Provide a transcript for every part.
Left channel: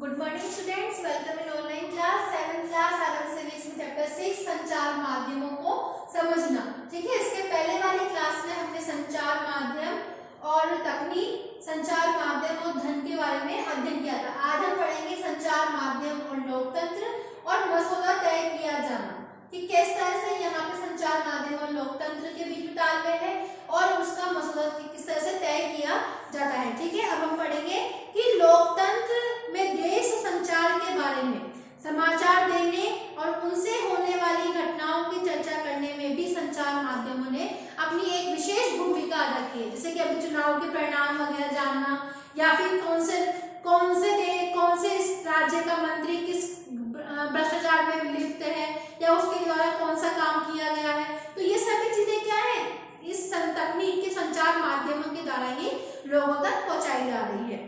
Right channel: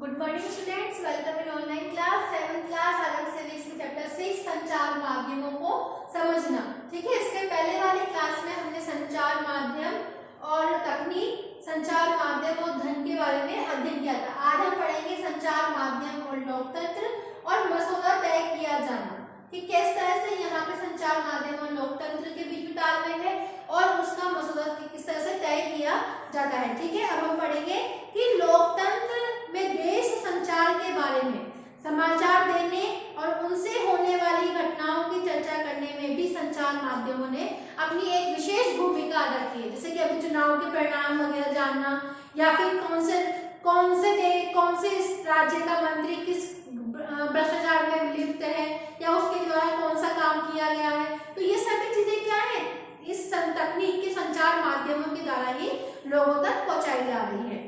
Good morning students, welcome in online class 7th class RM civics में chapter 6 संचार माध्यमों को समझना। ठीक है, इसके पहले वाली क्लास में हमने संचार माध्यम और तकनीक, संचार माध्यम और धन के बारे में अध्ययन किया था। आज हम पढ़ेंगे संचार माध्यम और लोकतंत्र और मसौदा तय किया जाना कि किस तरह से यहाँ पे संचार माध्यम और लोकतंत्र के बीच में तालमेल है और उसका मसौदा किस तरह से तय किया जाता है। ठीक है, अब हम पढ़ेंगे कि लोकतंत्र में देश संचार के बारे में समाचार देने और उनसे होने वाली घटनाओं की चर्चा करने में भी संचार माध्यमों ने अपनी एक विशेष भूमिका अदा की है। जैसे कि अभी चुनाव के परिणाम वगैरह जानना, या फिर कौन से राज्य का मंत्री किस भ्रष्टाचार में लिप्त है या उसके द्वारा कौन सा काम किया गया है, तो ये सभी चीजें क्या है, इस तकनीक के संचार माध्यमों के द्वारा ही लोगों तक पहुंचाई जा रही है।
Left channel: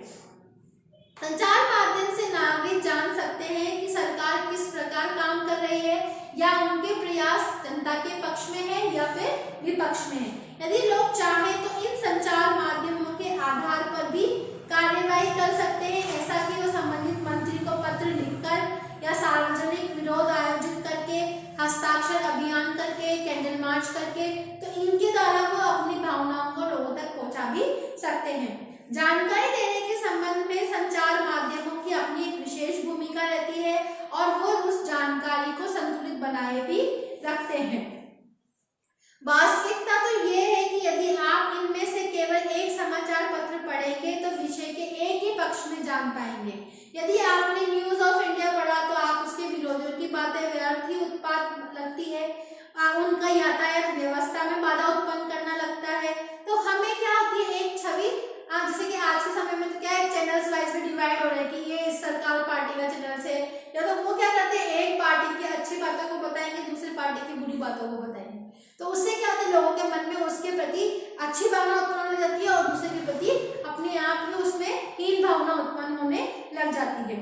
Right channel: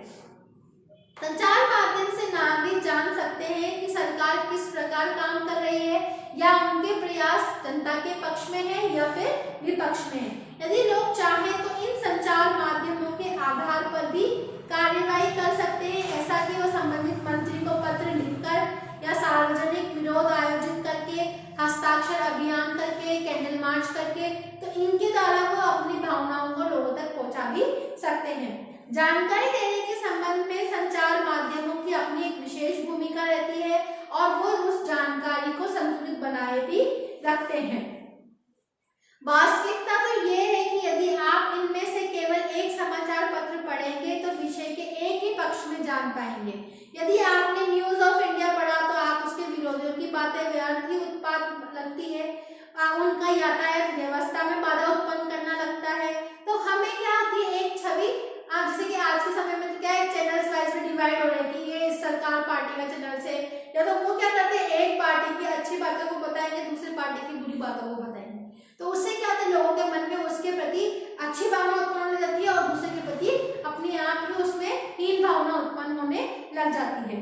संचार माध्यम से नागरिक जान सकते हैं कि सरकार किस प्रकार काम कर रही है या उनके प्रयास जनता के पक्ष में है या फिर विपक्ष में है। यदि लोग चाहें तो इन संचार माध्यमों के आधार पर भी कार्यवाही कर सकते हैं, ऐसा कि वो संबंधित मंत्री को पत्र लिखकर या सार्वजनिक विरोध आयोजित करके, हस्ताक्षर अभियान करके, कैंडल मार्च करके, तो इनके द्वारा वो अपनी भावनाओं को लोगों तक पहुंचा भी सकते हैं। जानकारी देने के संबंध में संचार माध्यमों की अपनी एक विशेष भूमिका रहती है और वो उस जानकारी को संतुलित बनाए भी रखते हैं। वास्तविकता तो ये है कि यदि आप इनमें से केवल एक समाचार पत्र पढ़ेंगे तो विषय के एक ही पक्ष में जान पाएंगे। यदि आपने न्यूज ऑफ इंडिया पढ़ा तो आप उसके विरोधियों की बातें व्यर्थ ही उत्पाद लगती है, उनका यातायात व्यवस्था में बाधा उत्पन्न करना लगता है। तो हमें क्या होती है, एक छवि, जैसे कि आज के समय में तो क्या है, चैनल्स वाइज में डिवाइड हो रहे हैं कि ये इस सरकार पार्टी का चैनल से, या तो वो क्या करते हैं, एक पार्टी की अच्छी बातों को बताएंगे, दूसरी पार्टी की बुरी बातों को बताएंगे। तो उससे क्या होता है, लोगों के मन में उसके प्रति अच्छी भावना उत्पन्न हो जाती है और दूसरे के प्रति अपने आप ही उसमें हीन भावना उत्पन्न होने लग जाती है।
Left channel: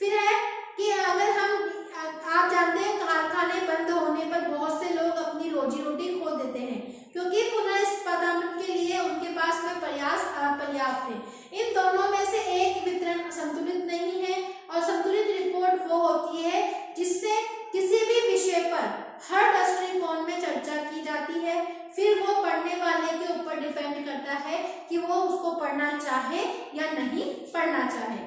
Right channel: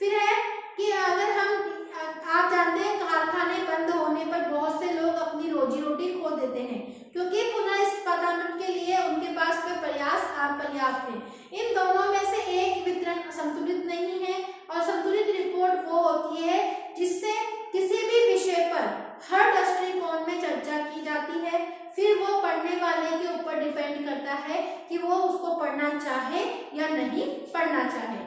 फिर है कि अगर आप जानते हैं, कारखाने बंद होने पर बहुत से लोग अपनी रोजी रोटी खो देते हैं क्योंकि पुनः उत्पादन के लिए उनके पास में प्रयास अपर्याप्त है। इन दोनों में से एक वितरण संतुलित नहीं है और संतुलित रिपोर्ट वो होती है जिससे किसी भी विषय पर हर दृष्टिकोण में चर्चा की जाती है। फिर वो पढ़ने वाले के ऊपर डिपेंड करता है कि वो उसको पढ़ना चाहे या नहीं पढ़ना चाहे।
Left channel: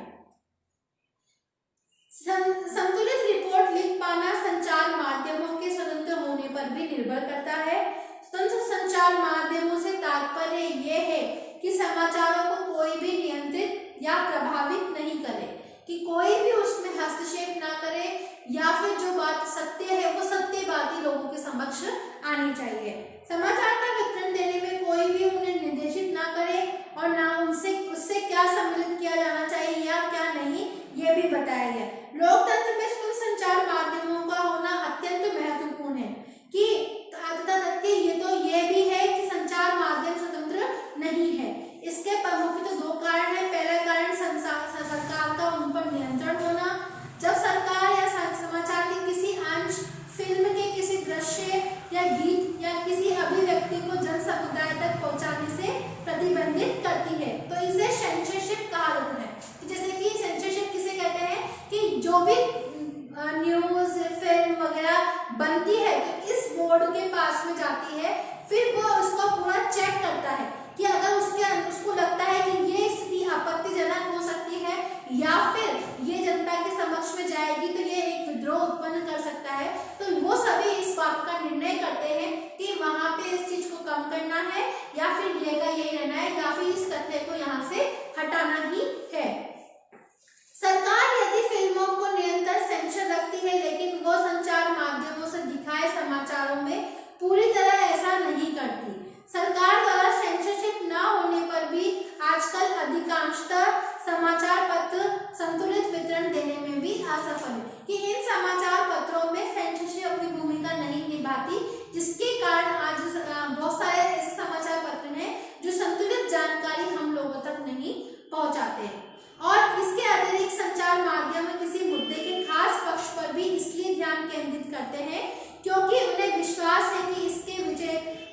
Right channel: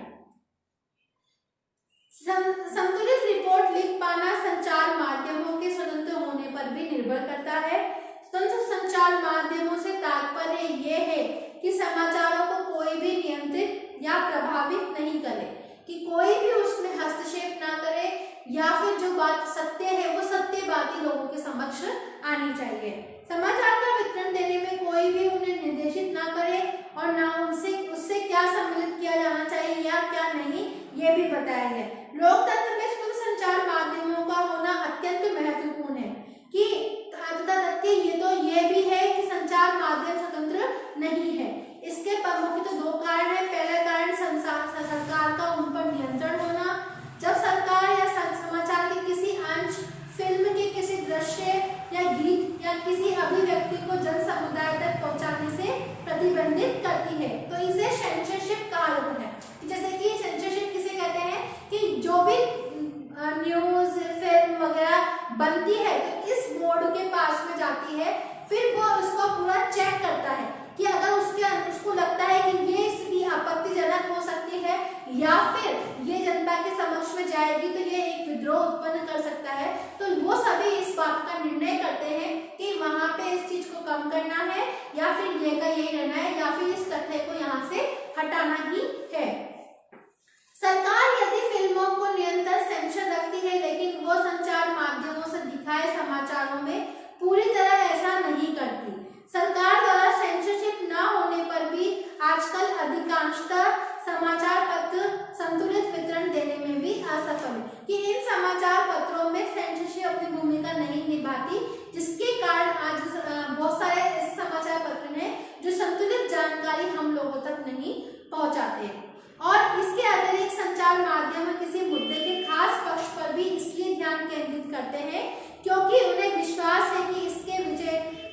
संतुलित रिपोर्ट लिख पाना संचार माध्यमों के स्वतंत्र होने पर भी निर्भर करता है। स्वतंत्र संचार माध्यमों से तात्पर्य यह है कि समाचारों को कोई भी नियंत्रित या प्रभावित नहीं करे, कि कोई भी उसमें हस्तक्षेप ना करे, या फिर जो बात सत्य है वो सत्य बात ही लोगों के समक्ष आनी चाहिए। समाचार का वितरण देने में कोई भी उन्हें निर्देशित ना करे और ना उससे क्या सम्मिलित किया जाना चाहिए या क्या नहीं, ये भी बताया गया। लोकतंत्र में स्वतंत्र संचार माध्यमों का होना अत्यंत महत्वपूर्ण है कि ये भी है कि संचार माध्यम स्वतंत्र नहीं है। इसके प्रमुख तो दो कारण है। पहला कारण सरकार का उन पर नियंत्रण होना। जब सरकार या समाचार के किसी अंश, फिल्म के किसी दृश्य या गीत या किसी अभिव्यक्ति को जन समुदाय तक पहुंचाने से प्रतिबंधित करती है तो इसे सेंसरशिप कहा जाता है। जैसे कि सेंसरशिप किसे कहते हैं, कि जो भी न्यूज, फिल्म वगैरह बनती है तो इस बोर्ड के पास में जाती है, फिर वो उसको पूरा चेक करता है कि अगर उसको लगता है कि ये स्थिति आपत्तिजनक हो सकती है या फिर ये जनता के समक्ष में जाएगी तो ये एक विद्रोह उत्पन्न कर सकता है, तो वो सभी इस बात का निर्णय करते हैं कि वहां पे इस चीज को कम करना है या फिर ये का यही रहना है या फिर इस तथ्य को यहाँ से हटाना ही है। सरकार यदि फिल्मों को निरंतर सेंसर रखती है, लेकिन वो संचार माध्यमों से दिखाए समाचारों में पूरी तरह ऐसा नहीं करती। सरकार द्वारा सेंसरशिप न होने पर भी आजकल अधिकांशतः समाचार पत्र संतुलित वितरण देने में भी असफल है, कि इन समाचार पत्रों में सेंसरशिप अपनी भूमिका नहीं निभाती, जिसके कारण आज बहुत सारे ऐसे समाचार पत्र हैं जो संतुलित जानकारी हम लोगों तक नहीं पहुंचाते। और इसके अतिरिक्त संचार माध्यम किसी मुद्दे के खास पक्ष पर भी इसलिए ध्यान केंद्रित करते हैं क्योंकि उन्हें विश्वास है कि इसके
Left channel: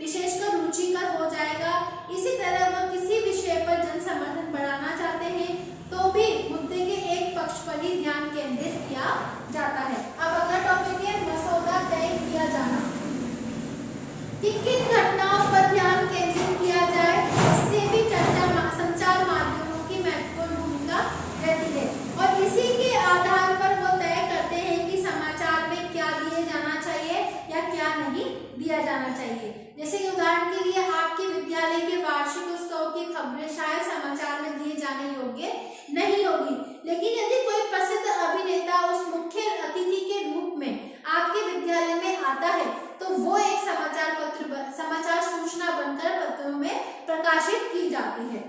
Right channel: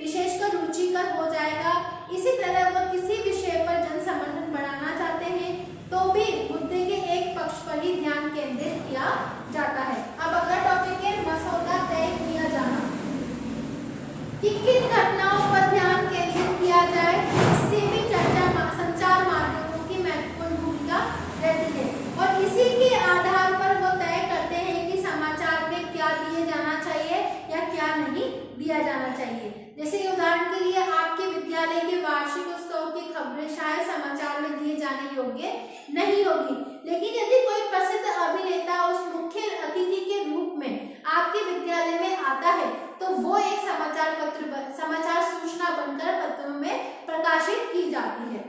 विशेषकर रुचिकर हो जाएगा। इसी तरह वो किसी विषय पर जन समर्थन बढ़ाना चाहते हैं तो भी मुद्दे के एक पक्ष पर ही दिया जाना चाहिए। जैसे कि उदाहरण के लिए आपके विद्यालय के वार्षिक उत्सव की खबरें शायद समाचार में दिए जाने योग्य नहीं होगी, लेकिन यदि कोई प्रसिद्ध अभिनेता उस मुख्य अतिथि के रूप में आपके विद्यालय में आता है तो वो एक समाचार सूचना बनकर पत्रों में प्रकाशित की जाती है।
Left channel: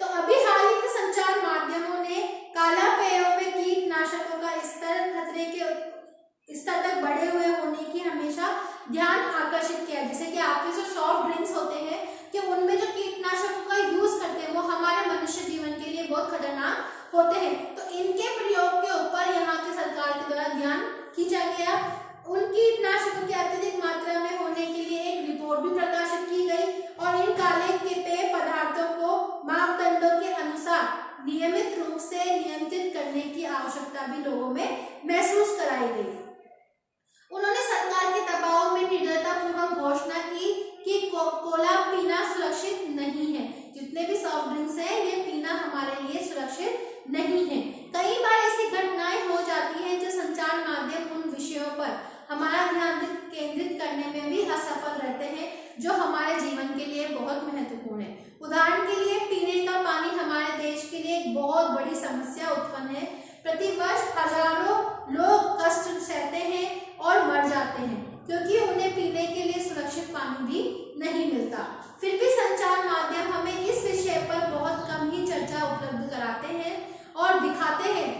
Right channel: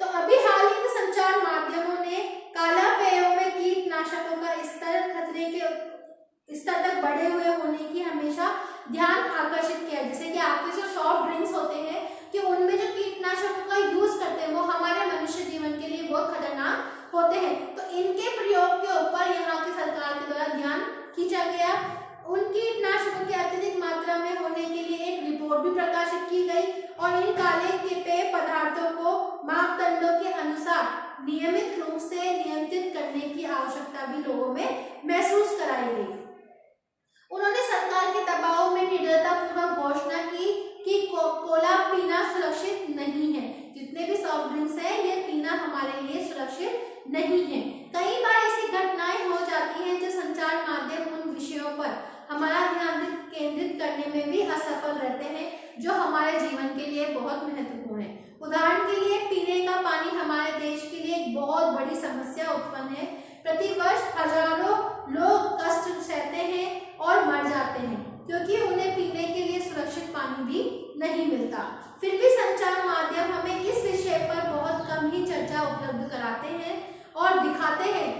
तो अभी हाल ही के संचार माध्यमों ने काला पेयों में कीटनाशकों का स्तर खतरे के स्तर तक बढ़े हुए होने की हमेशा ध्यान आकर्षित किया। जैसे कि आपके जो सॉफ्ट ड्रिंक्स होते हैं कि उनमें जो कीटनाशकों का यूज करते हैं वो हमारे मनुष्य जीवन के लिए बहुत खतरनाक होते हैं, तो इनके प्रयोग के ऊपर यहाँ की सरकार के द्वारा ध्यान खींचा गया। उन कीटनाशकों की अत्यधिक मात्रा में होने के लिए एक रिपोर्ट भी प्रकाशित की गई और इन काले के पेय पदार्थों को मापदंडों के अनुसार नियमित रूप से नियंत्रित करने की आवश्यकता भी लोगों में महसूस कराई गई। उन्होंने सरकार के दबाव में निडरतापूर्वक घोषणा की कि कोला पीना सुरक्षित नहीं है। जितने भी सॉफ्ट ड्रिंक्स हैं ये पीना हमारे लिए सुरक्षित नहीं है। कई बार ऐसी घटनाएं हो जाती हैं जो संचार माध्यम उन विषयों पर हमारा ध्यान केंद्रित करने में भी असफल रहते हैं जो हमारे जीवन के लिए बहुत महत्वपूर्ण है। उदाहरण के लिए पीने का पानी हमारे देश के लिए एक बहुत बड़ी समस्या उत्पन्न है। प्रतिवर्ष हजारों लोग कष्ट सहते हैं और मर जाते हैं क्योंकि उन्हें पीने के लिए सुरक्षित पानी भी नहीं मिलता। फिर भी संचार माध्यम हमें इस विषय पर बहुत कम ही चर्चा उपलब्ध कराते हैं और दिखाते हैं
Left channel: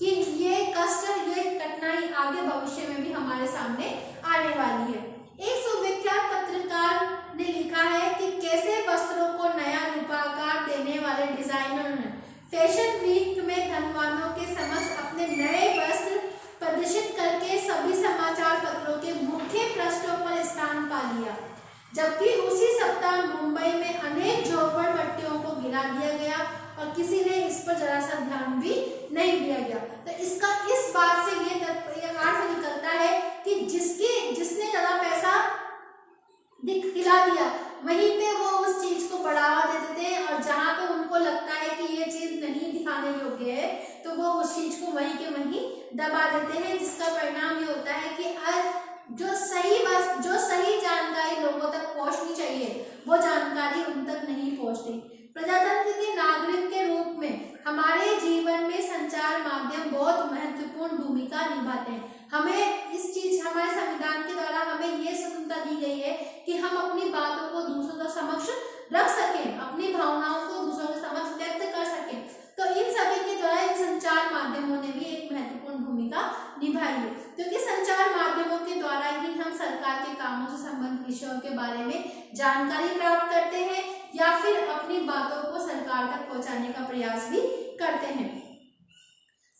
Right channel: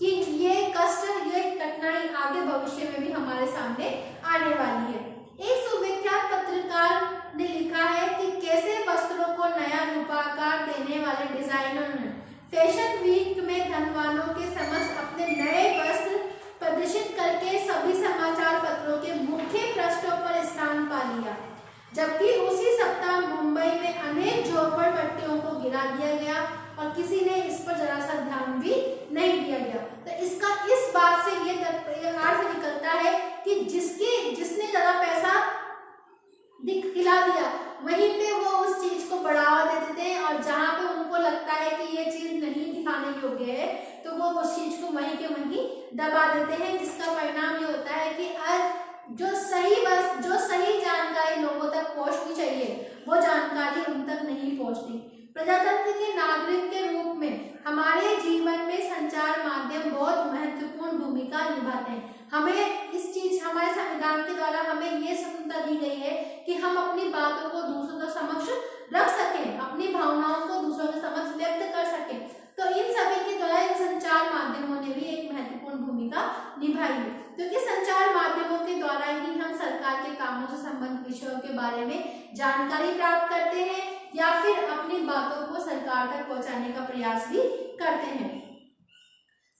कि ये कष्ट, ये कठिनाई आगे भविष्य में भी हमारे सामने आने वाली है। एक सुविख्यात पत्रकार ने लिखा है कि कैसे वस्त्रों को नया रूपाकार देने वाले डिजाइनरों ने फैशन वीक में धनवानों के समक्ष अपने नए वस्त्र प्रदर्शित करके सभी समाचार पत्रों के मुख्य पृष्ठों पर स्थान पा लिया, जबकि उसी सप्ताह मुंबई में अनेक झोपड़पट्टियों को गिरा दिया गया और किसी ने इस पर जरा सा ध्यान भी नहीं दिया गया। तो इसका इस बात से ये अर्थ निकलता है कि जिसने ज्यादा पैसा खिला दिया वहीं पे वो उस चीज को बढ़ावा देते थे और जहां पे उनको लगता है कि ये चीज नहीं दिखाने योग्य है तो वो उस चीज को वहीं के वहीं दबा देते हैं, जिसका परिणाम ये होता है कि आज जो सही जानकारी लोगों तक पहुंचनी चाहिए वो जानकारी उन तक नहीं पहुंचती। प्रजातंत्र के नागरिक के रूप में हमारे जीवन में संचार माध्यम बहुत महत्वपूर्ण भूमिका निभाते हैं। हमें इस चीज, हमारे संविधान के द्वारा हमें ये स्वतंत्रता दी गई है कि हम अपनी बातों को दूसरों के समक्ष रख सकें, अपनी भावनाओं को दूसरों के समक्ष व्यक्त कर सकें। तो इन सभी के द्वारा इन संचार माध्यमों ने भी एक महत्वपूर्ण भूमिका निभाई है, क्योंकि संचार माध्यमों के द्वारा ही हम सरकार के कामों से संबंधित विषयों के बारे में जानकारी प्राप्त करते हैं या फिर अपनी बातों को सरकार तक पहुंचाने का प्रयास भी करते हैं।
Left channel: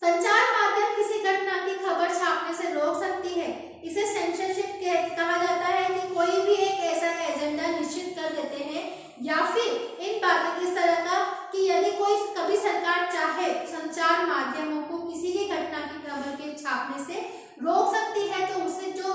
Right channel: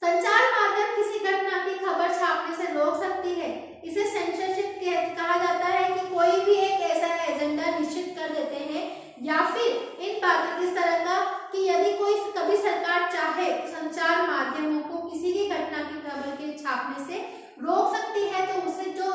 संचार माध्यम किसी घटना की खबर छापने से रोक सकती है। इसे सेंसरशिप कहा जाता है कि कोई भी एक ऐसा एजेंडा निश्चित कर देते हैं या फिर इन बातों की तरह का कि यदि कोई कभी सरकार चाहे संचार माध्यमों को किसी की घटना की खबर के छापने से रोक सकती है तो उसे जो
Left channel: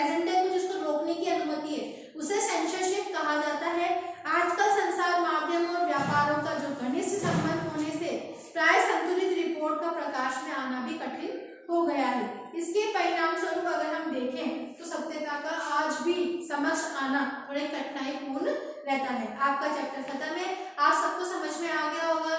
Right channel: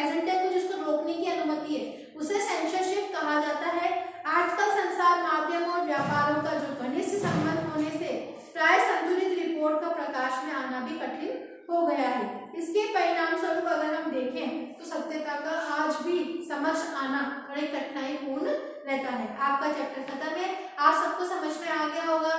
एजेंडा को जिसको रोकने की अनुमति है उसे सेंसरशिप कहा जाता है। आजकल संचार माध्यम और व्यापारों का जो घनिष्ठ संबंध होने से प्राय संतुलित रिपोर्ट का प्रकाश में आना भी कठिन हो गया है। इसके परिणाम स्वरूप अगर हम देखें तो सत्यता का आज भी समक्ष आना बड़े कठिनाई पूर्ण रहता है। आपका चैप्टर खत्म है, आप सबको समझ में आ गया होगा।